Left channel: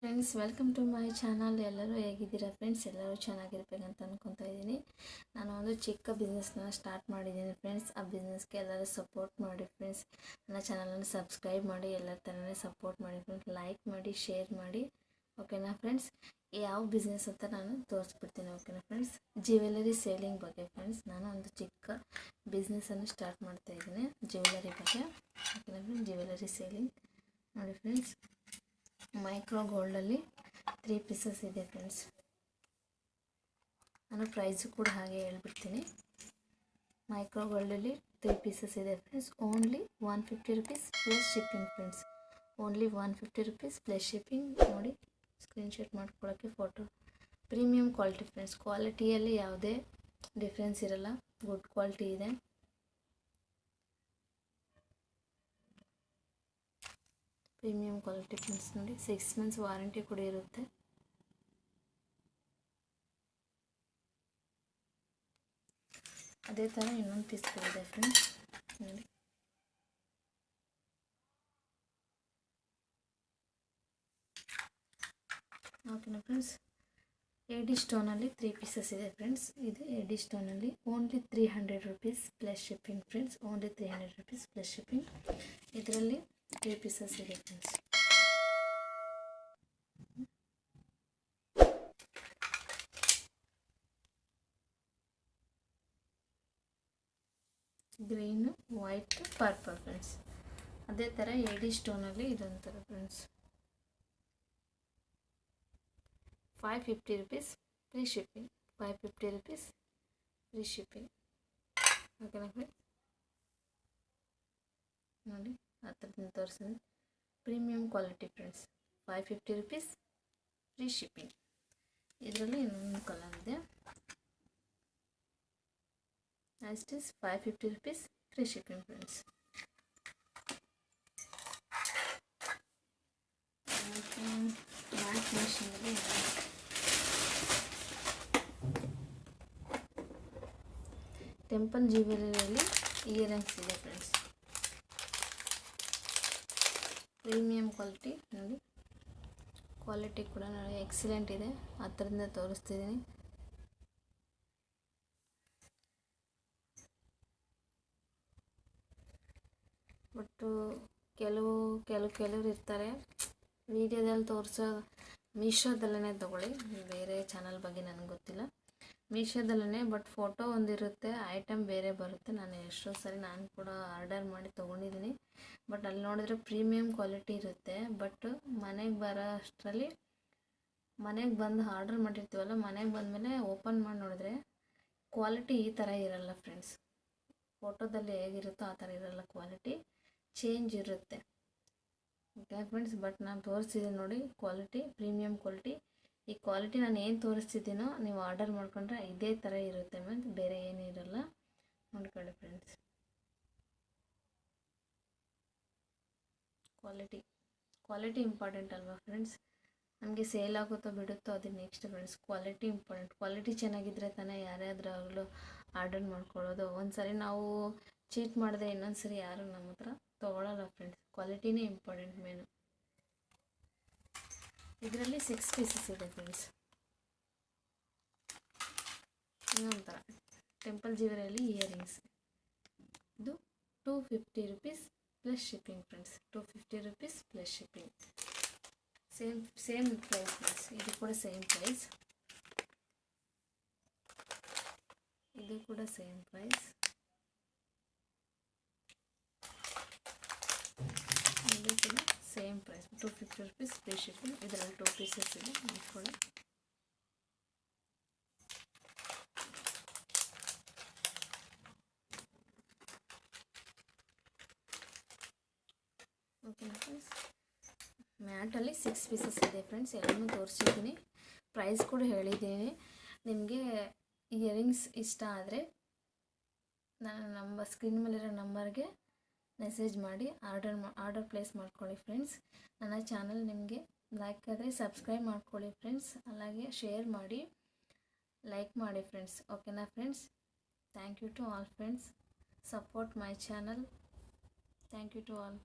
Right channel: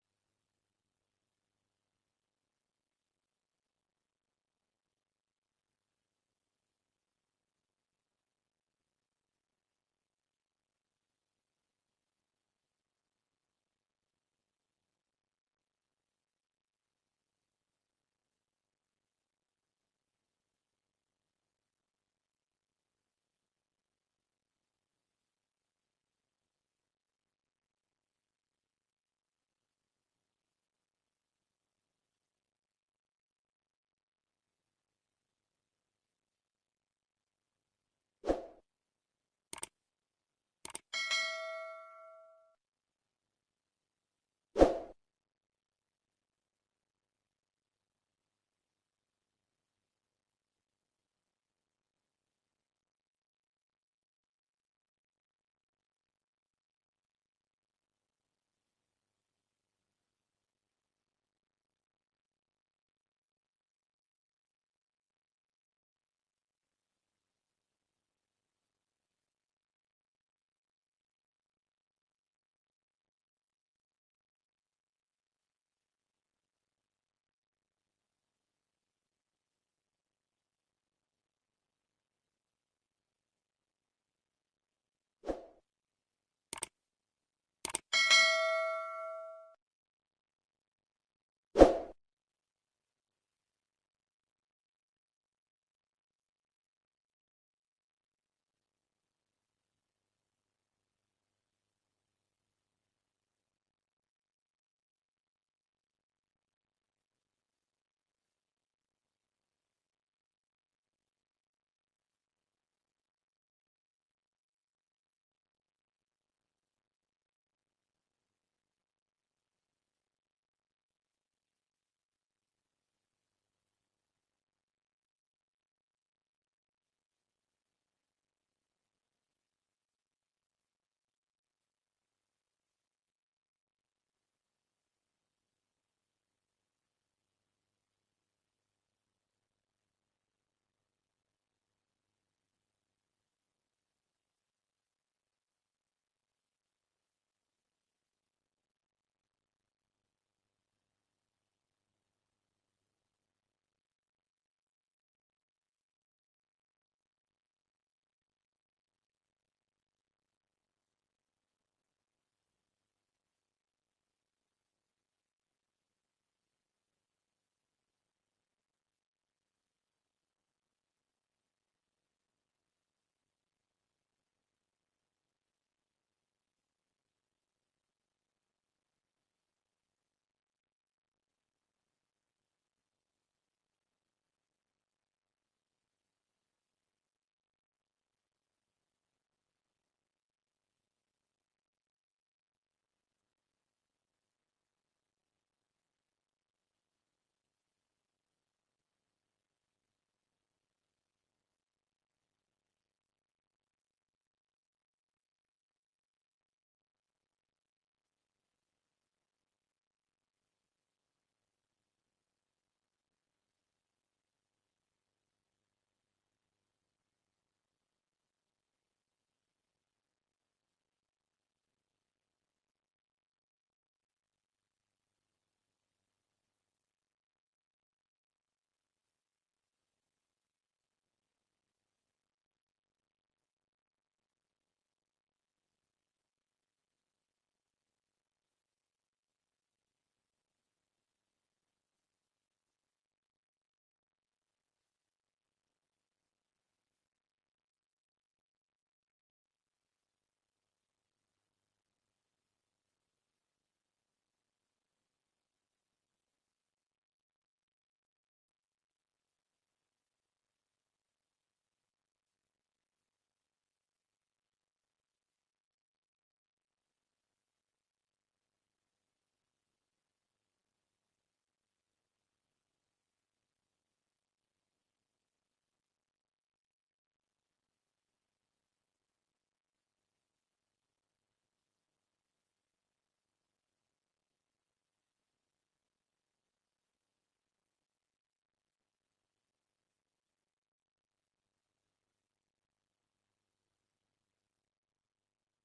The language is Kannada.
Friends, welcome to my channel. ಎಲ್ಲರೂ ಹೇಗಿದ್ದೀರಾ ಫ್ರೆಂಡ್ಸ್? ಎಲ್ಲರೂ ಚೆನ್ನಾಗಿರ್ಬೇಕಂತ ಅಂದ್ಕೊತಾ ಇದ್ದೀನಿ. ನಾನು ಒಂದು ಚಿಕ್ಕ ಬಿಸ್ನೆಸ್ನ ಸ್ಟಾರ್ಟ್ ಮಾಡಿದ್ದೀನಿ ಫ್ರೆಂಡ್ಸ್. ಆ ಬಿಸ್ನೆಸ್ಗೆ ಎಲ್ಲರೂ ಸಪೋರ್ಟ್ ಮಾಡಿ ಫ್ರೆಂಡ್ಸ್. ನನ್ನ ಚಾನಲನ್ನು ಸಬ್ಸ್ಕ್ರೈಬ್ ಮಾಡಿ, ಎಲ್ಲರ ಥರನೇ ಸಪೋರ್ಟ್ ಮಾಡಿ ಫ್ರೆಂಡ್ಸ್. ಲೈಕ್ ಮಾಡಿ, ಶೇರ್ ಮಾಡಿ, ಓಕೆನಾ ಫ್ರೆಂಡ್ಸ್? ಯಾವ ಬಿಸ್ನೆಸ್ ಅಂತ ನಾನು ತೋರಿಸ್ಬಿಡ್ತೀನಿ, ಓಕೆನಾ ಫ್ರೆಂಡ್ಸ್? ಜ್ಯುವೆಲರಿ ಸೇಲಿಂಗ್ ಬಗ್ಗೆ ಫ್ರೆಂಡ್ಸ್. ನಾನು ಒಂದು ಚಿಕ್ಕ ಬಿಸ್ನೆಸ್ಸನ್ನು ಸ್ಟಾರ್ಟ್ ಮಾಡ್ತಾ ಇದ್ದೀನಿ ಜ್ಯುವೆಲರಿ ಬಗ್ಗೆ, ಓಕೆನಾ ಫ್ರೆಂಡ್ಸ್? ಜ್ಯುವೆಲರಿ ಸೇಲಿಂಗ್ ನೋಡಿ ಫ್ರೆಂಡ್ಸ್. ಮೈಕ್ರೋ ಗೋಲ್ಡಲ್ಲಿ 3 ಪೀಸಸ್ ಇದೆ ಫ್ರೆಂಡ್ಸ್. ನಾನು ಪ್ರೈಸು ಕೂಡ ಹಾಗೆ ಹೇಳ್ಬಿಡ್ತೀನಿ. ಮೈಕ್ರೋ ಗೋಲ್ಡಲ್ಲಿ 3 ಪೀಸಸ್ ಇದೆ friends. Only 150 rupees plus shipping friends. Only 150 rupees plus shipping. ನೋಡಿ, ಸ್ಕ್ರೀನ್ಶಾಟ್ ಮಾಡ್ಕೊಳ್ಳೋಕ್ಕೆ ಫೋಟೋ. Premium quality friends. ಕ್ವಾಲಿಟಿಯಲ್ಲಿ ಯಾವುದೇ ಡಿಫ್ರೆನ್ಸ್ ಇರಲ್ಲ, ಗುಡ್ ಕ್ವಾಲಿಟಿ ಇದೆ. Premium quality friends. ನೋಡಿ, 6 ಮಂತ್ಸ್ ವಾರಂಟಿ ಕೂಡ ಇರುತ್ತೆ. ಅದೇ ಥರ ಇನ್ನೊಂದು ಪೀಸ್ ಕೂಡ ಇದೆ ಫ್ರೆಂಡ್ಸ್. ನೋಡಿ, ಓಕೆನಾ ಫ್ರೆಂಡ್ಸ್? ಎಡಿ ಸ್ಟೋನಲ್ಲಿ 3 ಪೀಸಸ್ ಇದೆ ಫ್ರೆಂಡ್ಸ್. ಇದು ಎಡಿ ಸ್ಟೋನಲ್ಲಿ only 300 rupees plus shipping friends. Only 300 rupees plus shipping. ಇದರಲ್ಲಿ 3 ಪೀಸಸ್ ಇದೆ friends. Green, white, purple friends. ಅದೇ ಥರ ಎಡಿ ಸ್ಟೋನಲ್ಲಿ ಇದೊಂಥರ friends. 550 rupees free shipping. 550 rupees free shipping, ಓಕೆನಾ ಫ್ರೆಂಡ್ಸ್? ನೋಡಿ, ಆ ಥರದಿಂದ ತೋರಿಸಿದೆ. Premium quality friends. 550 rupees free shipping. ಇದರಲ್ಲಿ ಇನ್ನೊಂದು ಕಲರ್ ಇದೆ. Next is 550 rupees free shipping friends. Matte ಮಿಷಿನಲ್ಲಿ ಟೆಂಪಲ್ ಜ್ಯುವೆಲರಿಯಲ್ಲಿ ಇಯರಿಂಗ್ಸ್ ಇದೆ ಫ್ರೆಂಡ್ಸ್. Premium quality. ನೋಡಿ, ಕ್ವಾಲಿಟಿ ಕೂಡ ನೋಡಿ ಎಕ್ಸಲೆಂಟ್ ಇದೆ. ಆ ಥರದಿಂದ ತೋರಿಸ್ತಿದ್ದೀನಿ. ಬಟ್ಟು ಕೆಲವರು ಇರ್ತಾರೆ ವಿಡಿಯೋದಲ್ಲಿ ತೋರಿಸೋ. ಮೀಶೋದಲ್ಲೇ ತೊಗೊಳ್ಳಿ, ಬೇರೆ ಚಾನಲ್ ಬಗ್ಗೆ ನನಗೆ ಗೊತ್ತಿಲ್ಲ. ಮೀಶೋದಲ್ಲೇ ಬಟ್ ಫೋಟೋ ಒಂದಿರುತ್ತೆ, ಐಟಮ್ ಬೇರೆ ಬರುತ್ತೆ. ನಾನು ಎಷ್ಟೋ ಸರಿ ನಾನು ಕೂಡ ಆರ್ಡರ್ ಮಾಡಿ ತೊಗೊಂಡಿದ್ದೀನಿ. ಬಟ್ ಅಲ್ಲಿ ನೋಡಿದ್ರೆ ಪ್ರೀಮಿಯಂ ಕ್ವಾಲಿಟಿ ಇರುತ್ತೆ. ಬಟ್ ಮನೆಗೆ ಬರೋ ಅಷ್ಟರಲ್ಲಿ, ಮನೆಗೆ ಬಂದು ಆರ್ಡರ್ ಮಾಡಿರ್ತೀವಲ್ಲ, ಮನೆಗೆ ಬಂದಮೇಲೆ ಓಪನ್ ಮಾಡಿ ನೋಡಿದ್ರೆ ಕ್ವಾಲಿಟಿ ಈ ಥರ ಇರಲ್ಲ ಫ್ರೆಂಡ್ಸ್. ಫೋಟೋದಲ್ಲಿ ಹೇಗಿರುತ್ತೋ ಆ ಥರ ಇರಲ್ಲ, ಕ್ವಾಲಿಟಿ ಚೇಂಜ್ ಇರುತ್ತೆ, ಓಕೆ ಫ್ರೆಂಡ್ಸ್? ಬಟ್ ನಾನು ತೋರಿಸ್ತಿದ್ದೀನಿ ನೋಡಿ, ಕ್ವಾಲಿಟಿ ಪ್ರೀಮಿಯಂ ಕ್ವಾಲಿಟಿ. ಈ ಕ್ವಾಲಿಟಿ ನಾನು ಏನು ತೋರಿಸ್ತಿದ್ದೀನೋ ನೀವು ಆರ್ಡರ್ ಮಾಡ್ಕೊಂಡ್ರೆ ಇದೇ ಥರ ಇರುತ್ತೆ ಮೀನ್ಸ್ ಬೇರೆ ಏನೂ ಇರಲ್ಲ. ನೋಡ್ಕೊಳ್ಳಿ ಫ್ರೆಂಡ್ಸ್. ಕ್ವಾಲಿಟಿ ಇಂಪಾರ್ಟೆಂಟ್ ಅಲ್ವಾ ಫ್ರೆಂಡ್ಸ್? ನಮಗೆ ಸೇಲ್ ಆಗುತ್ತೋ ಬಿಡುತ್ತೋ ಅದು next friends. Quality important. Quality ಚೆನ್ನಾಗಿದ್ದರೆ ತಾನೇ ಯಾರ್ಯಾದ್ರಾಗಲೂ ಆರ್ಡರ್ ಮಾಡ್ಕೊಳ್ಳೋದು. ಒಂದು ಸರಿ ನಾವು ಚೀಟ್ ಮಾಡಿದೆ ಇನ್ನೊಂದು ಸರಿ ಯಾರು ನಮ್ಮ ಹತ್ರ ತೊಗೊಳ್ಳಲ್ಲ ಫ್ರೆಂಡ್ಸ್. ಕ್ವಾಲಿಟಿನೇ ಇಂಪಾರ್ಟೆಂಟ್ ಮೇನು. ಇದರಲ್ಲಿ 6 ಪೀಸಸ್ ಇದೆ ಫ್ರೆಂಡ್ಸ್. ಇನ್ನೊಂಥರ ಟೆಂಪಲ್ ಜ್ಯುವೆಲರಿಯಲ್ಲಿ ಇಯರಿಂಗ್ಸ್. ಇದು 250 rupees plus shipping friends. 250 rupees plus shipping. Same price friends. ಇದು ಕೂಡ ಸೇಮ್ ಪ್ರೈಸ್. ಇದು ಕೂಡ ಸೇಮ್ ಪ್ರೈಸ್. ಇದು ಕೂಡ same price. 250 rupees free shipping. ಇದರಲ್ಲಿ 2 ಪೀಸಸ್ ಇದೆ. ನೋಡ್ಕೊಳ್ಳಿ. ಓಕೆನಾ ಫ್ರೆಂಡ್ಸ್? ಮ್ಯಾಟಲ್ಲಿ 6 ಪೀಸಸ್ ಇದೆ ಫ್ರೆಂಡ್ಸ್. ಎಲ್ಲನೂ ತೋರಿಸಿದ್ದೀನಿ, ಪ್ರೈಸ್ ಕೂಡ ಹೇಳಿದ್ದೀನಿ. ನಿಮಗೆ ಇಯರಿಂಗ್ಸ್ ಇಷ್ಟ ಆದರೆ ನನ್ನ ಸ್ಕ್ರೀನ್ ಮೇಲಿರೋ ನಂಬರ್ಗೆ ಮೆಸೇಜ್ ಮಾಡಿ ಆರ್ಡರ್ ಪ್ಲೇಸ್ ಮಾಡ್ಕೊಳ್ಳಿ ಫ್ರೆಂಡ್ಸ್. ನನ್ನ ಚಾನಲ್ ನಿಮಗೆ ಲೈಕ್ ಆದರೆ ಸಬ್ಸ್ಕ್ರೈಬ್ ಮಾಡ್ಕೊಳ್ಳಿ ಫ್ರೆಂಡ್ಸ್. అలాగే ಶೇರ್ ಮಾಡಿ, ಲೈಕ್ ಮಾಡಿ ಫ್ರೆಂಡ್ಸ್, ಓಕೆನಾ friends? Thank you to all friends. Support my channel. Thank you to all.